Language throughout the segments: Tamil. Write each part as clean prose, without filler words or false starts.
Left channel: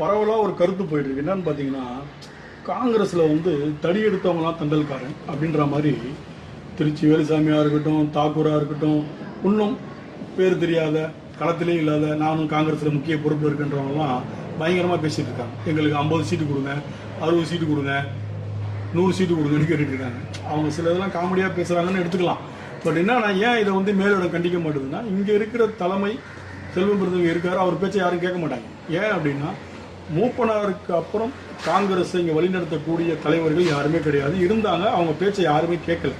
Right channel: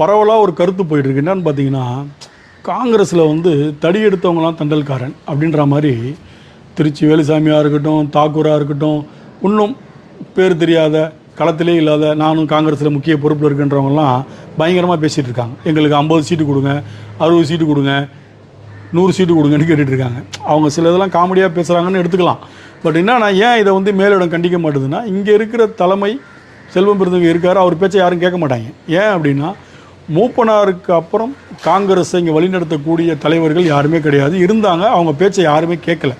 பரவலாக ஒரு கருத்து போயிட்டுருக்கு. என்னன்னு பார்த்தீங்கன்னா, காங்கிரஸில் வந்து தடி எடுத்தவங்களாம் தண்டல்காரன் அப்படின்ற மாதிரி திருச்சி வேலுசாமியாக இருக்கட்டும், தாக்கூராக இருக்கட்டும், இன்னும் பேர் தெரியாத களத்திலே இல்லாத நானும் காங்கிரஸில் முக்கிய பொறுப்பில் இருக்குன்றவங்கலாம் பயங்கரமாக பேசிகிட்டு இருக்காங்க. எங்களுக்கு 50 சீட்டு கொடுங்க, 60 சீட்டு கொடுங்க, 100 சீட்டு கொடுங்கன்னு கேட்டுட்ருக்காங்க. அவங்க சில இதெல்லாம் காமெடியாக பேசுகிறாங்கன்னு எடுத்துக்கலாம். பட் என்னன்னா, ஏன் இதை வந்து மேலிடம் கண்டிக்க மாட்டுதுன்னா, இங்கே இருக்கிற தலைமை செல்வம் பெருந்தவங்க இருக்கார், அவர் பேச்சை யாரும் கேட்க மாட்டாங்க. ஏன் அப்படின்னா, மூப்பனாருக்கு அப்புறம் காங்கிரஸை இங்கே வழிநடத்தக்கூடிய தலைவர்கள் யாருமே கிடையாது. இருந்தாங்க, அவங்க பேச்சை யாருமே கேட்கல.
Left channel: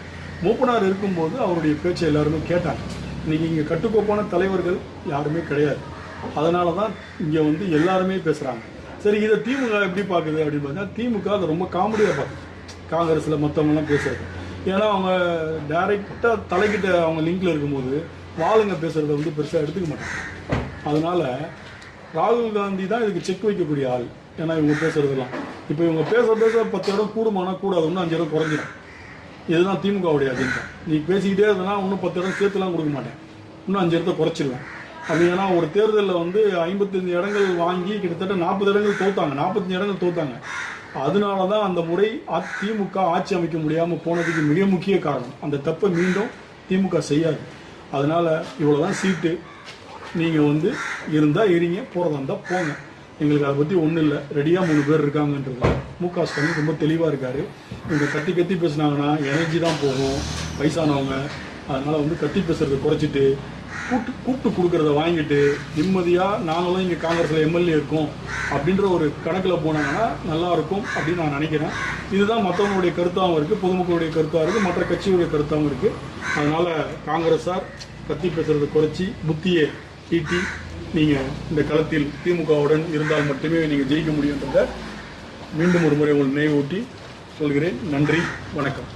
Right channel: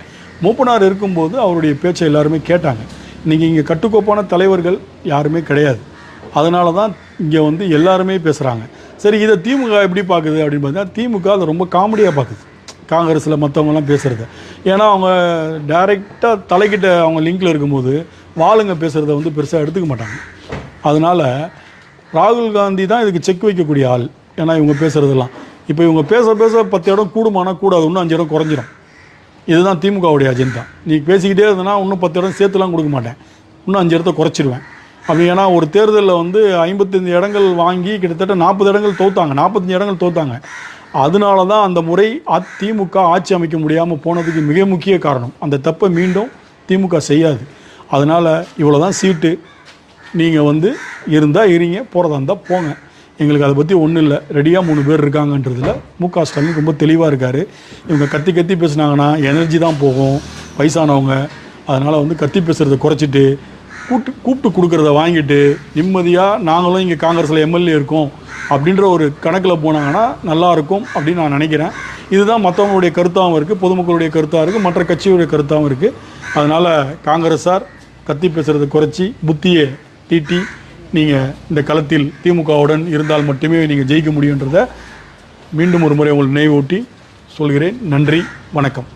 மூப்பனார் இருக்கும்போது அவருடைய பேச்சை எல்லாருமே கேட்டாங்க. இன்றைக்கி இங்கே கட்டுக்கோப்பான தலைவர்கள் யாருமே கிடையாது. அதனால தான் இங்கே வந்து எல்லாருமே பேசுகிறாங்க. சரி, இதை திமுக எப்படி பார்க்குது அப்படின்னு பார்த்தீங்கன்னா, திமுக அதை ரொம்ப காமெடியாக பார்க்குது, காங்கிரஸில் மற்றவங்கலாம் பேசுகிறத. ஏன்னா அவங்க டைரெக்டாக தலைக்கிட்ட அவங்க லிங்கில் இருக்கும்போது வாளுங்க பேசுகிறத வந்து பெருசாக எடுத்துக்க மாட்டாங்க. அதனால் ராகுல் காந்தி தான் இதுக்கு செக் வைக்கக்கூடிய ஆள். ஏன்னா இவங்க பேசுகிறதெல்லாம் இப்போ இவங்க பேச 10 இடம் கூடுமானா கூடாது, இன்னும் 5 இடம் குறைஞ்சிடும். இதுதான் திமுகவுடைய அஜெண்டா. நீ பேசிக்கிட்டே இருந்தனா இன்னும் 10 இடம் சேர்த்துலாம் கொடுக்க மாட்டேன், இன்னும் 5 இடத்த குறைச்சிடுவேன் அப்படி. ஏன்னா ஒரு தேர்தலில் வந்து 55 இடங்கள் வாங்கி கிட்டத்தட்ட 40 இடங்கள் தோத்தாங்க, 45 இடங்கள் தோத்தாங்க. அதனால தான் அந்த முறை திமுக ஆட்சி அமைக்க முடியாமல் போனதுக்கு மிக முக்கிய காரணம். அந்த தப்பை மீண்டும் திமுக செய்யாது. அதனால் இவ்வளோ தான் சீட்டு, நீங்கள் வந்து இருந்தால் இருங்க, போகிறதா இருந்தால் போங்க, எங்களுக்கு அதை பற்றி ஒன்றும் இல்லை, ரெடியாக 3 பேர் இருக்காங்கன்றதுல மு.க. ஸ்டாலின் ரொம்ப தெளிவாக இருக்கார். இவங்க கத்தி பேசுனாங்கன்னா எனர்ஜி தான் போகும், வயசானவங்க. அதனால் வந்து கத்தி பேசுகிறத குறைச்சிட்டு கூப்பிட்டு கொடுக்குறத வாங்கிட்டு நிம்மதியாக நாங்களும் இங்கே காங்கிரஸில் எம்எல்ஏ இருக்கோம் அப்படின்ற ஒரு கணக்கில் போனாங்கன்னா நல்லாயிருக்கும் அப்படின்னு நான் நினைக்கிறேன். இதுதான் மற்றவங்களுடைய கருத்தாகவும் இருக்குது, பொதுமக்களுடைய கருத்தாக இருக்குது, மற்ற கட்சியுடைய கருத்தாகவும் இருக்குது. அதனால் காங்கிரஸார் கத்தி பேசுகிறத குறைச்சி புத்தியை தீட்டி நீங்கள் இந்த களத்தில் திமுகவுடன் இருந்தால் மட்டுமே நீங்கள் ஜெயிக்க முடியுன்றதை மீண்டும் ஒரு முறை உங்கள் நினைவூட்டி சொல்கிறேன். நன்றி, வணக்கம்.